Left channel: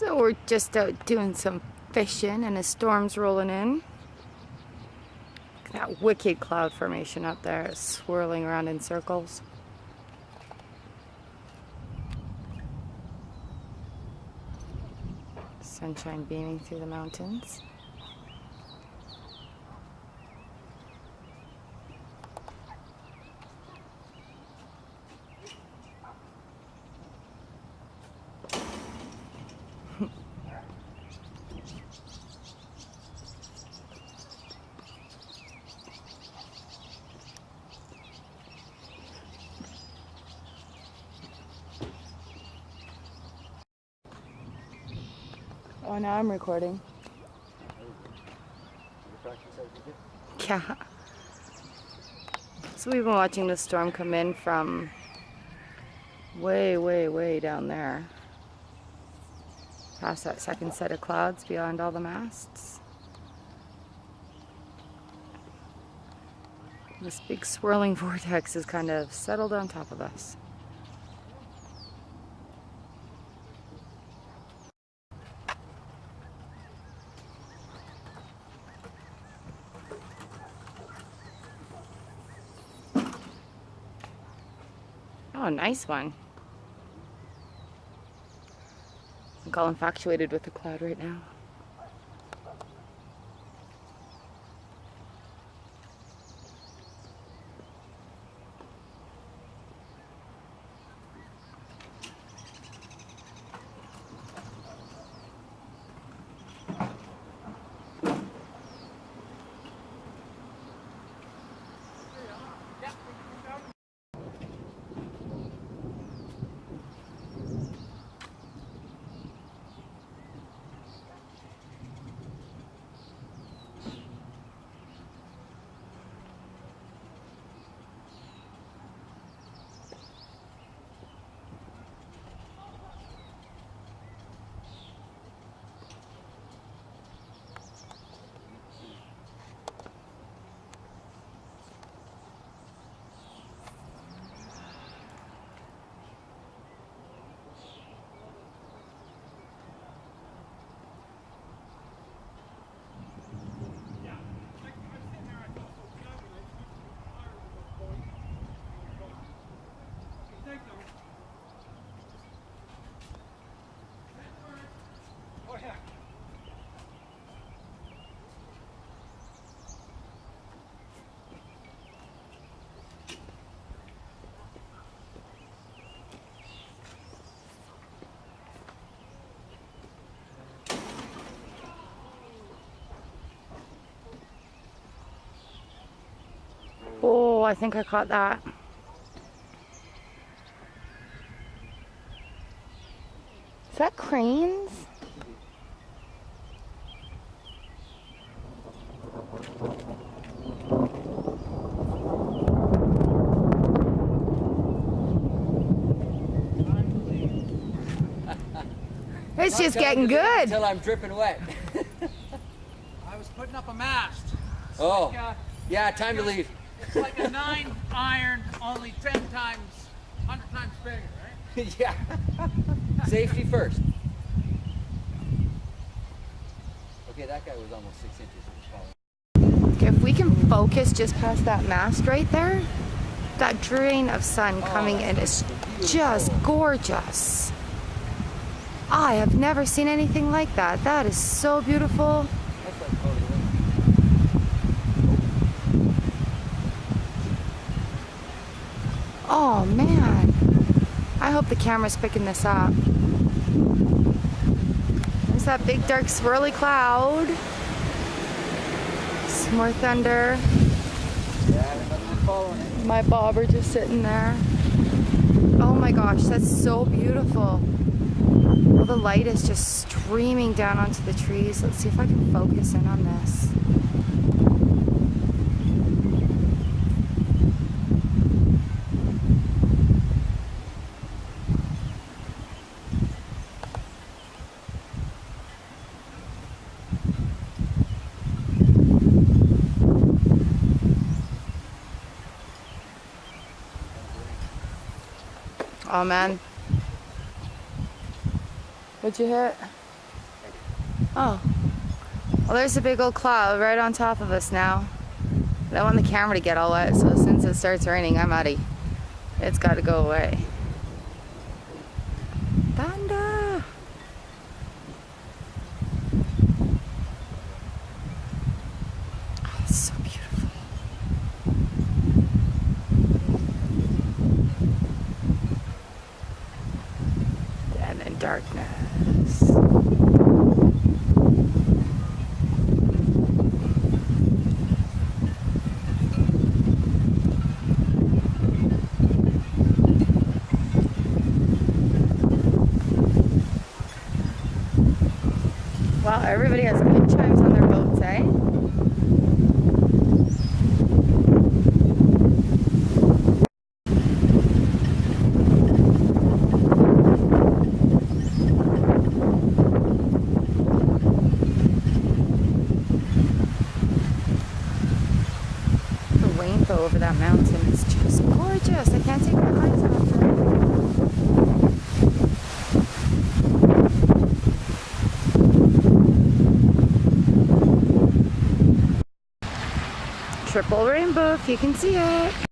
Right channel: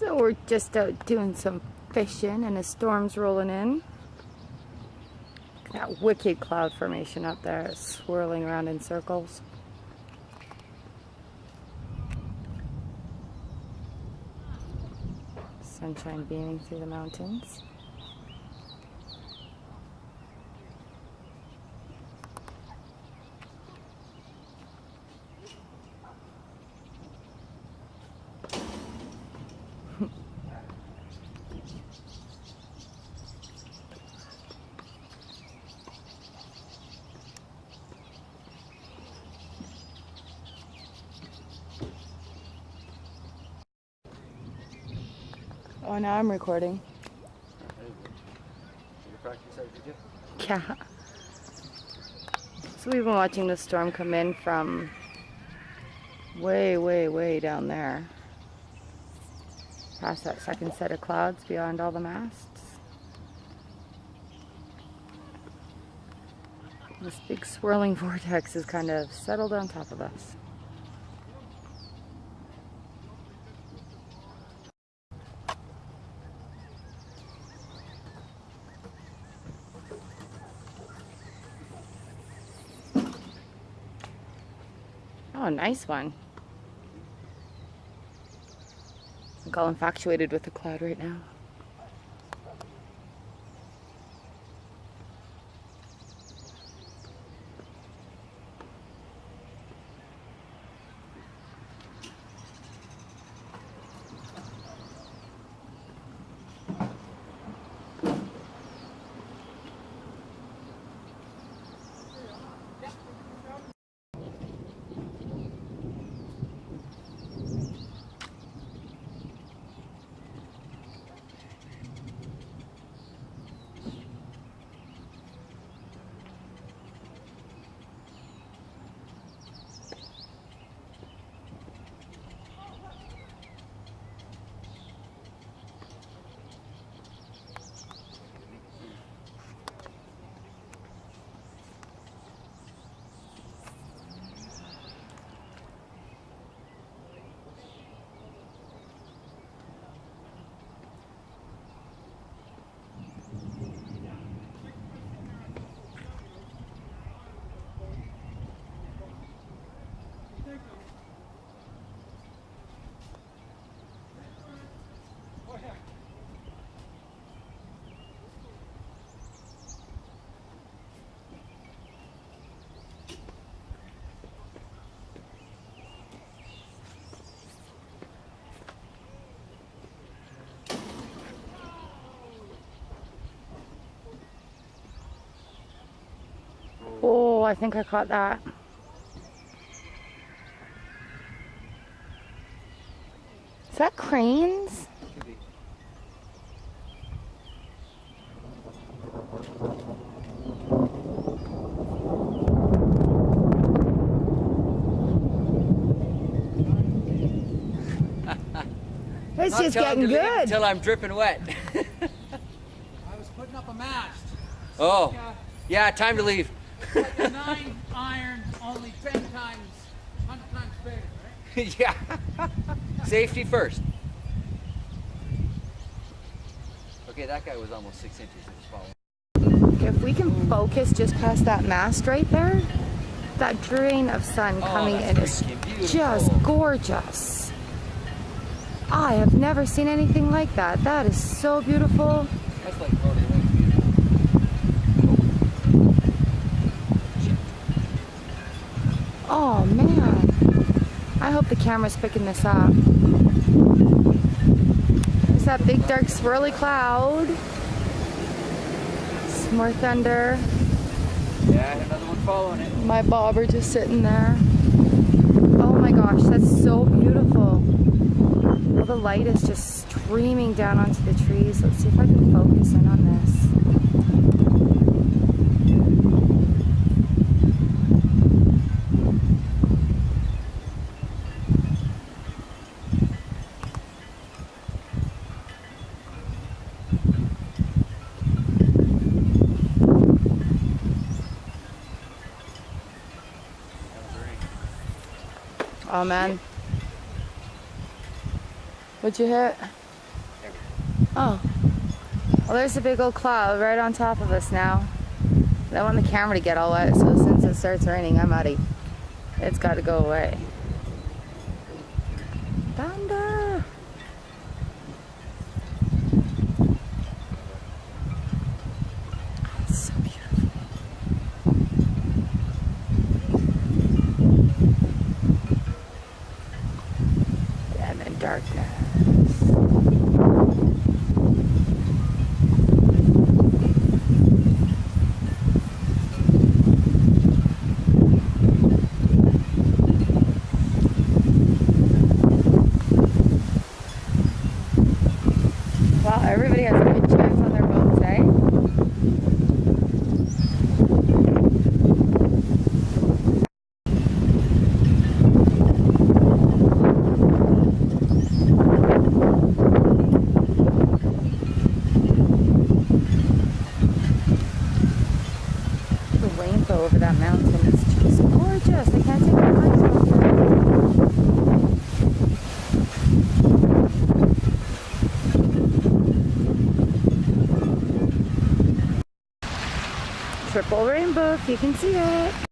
So we're just out doing some fishing and a storm's rolling in. Look at that wicked cloud formation up there. It's swirling around in circles. Sunshine beaming through the mountains. Oh, now I'm recording. Yeah. So we've been watching the storm come in from way, way, way down there. Past that second set of clouds beyond all the masts. This big swirling vortex is kind of settled on top of us. Oh, nice one. I'm all infatuated with the cloud right now. Oh, I think I caught that. Is that cranes? It's just getting good. Until I'm dripping wet. I was putting up a mast. Oh, Like, yeah, time to leave. it's like a 9 iron, only 10 times, 100 times bigger, right? Yeah. Safety first. Okay, that guy was almost 6 inches. It was falling. Okay, if we can focus just past that mast right there, that drain of sun coming in is just gorgeous. I have never seen anything like that. That is so beautiful. That's like part of the wind. Oh man, I hope the camera's picking this up. There's that big dark swirly cloud. Some more thunder. Yeah, another one following it. My bobber just sitting there. Oh my gosh, that's so beautiful. All the light is just streaming down onto the trees. Let's see if I can focus in on this. Oh man. What'd you hit? Oh. Well, there's a big old cloud right on top of us now. I don't want the camera to get all wet, so as soon as it starts raining, I'm out of. It's got to go away. Thunder! Oh, it's so beautiful. And then darkness. Wow, everybody has wind chimes on their boats, eh? The rainbow over that mountain is just gorgeous. I can't take my eyes off it. Triple rainbow if you can see it.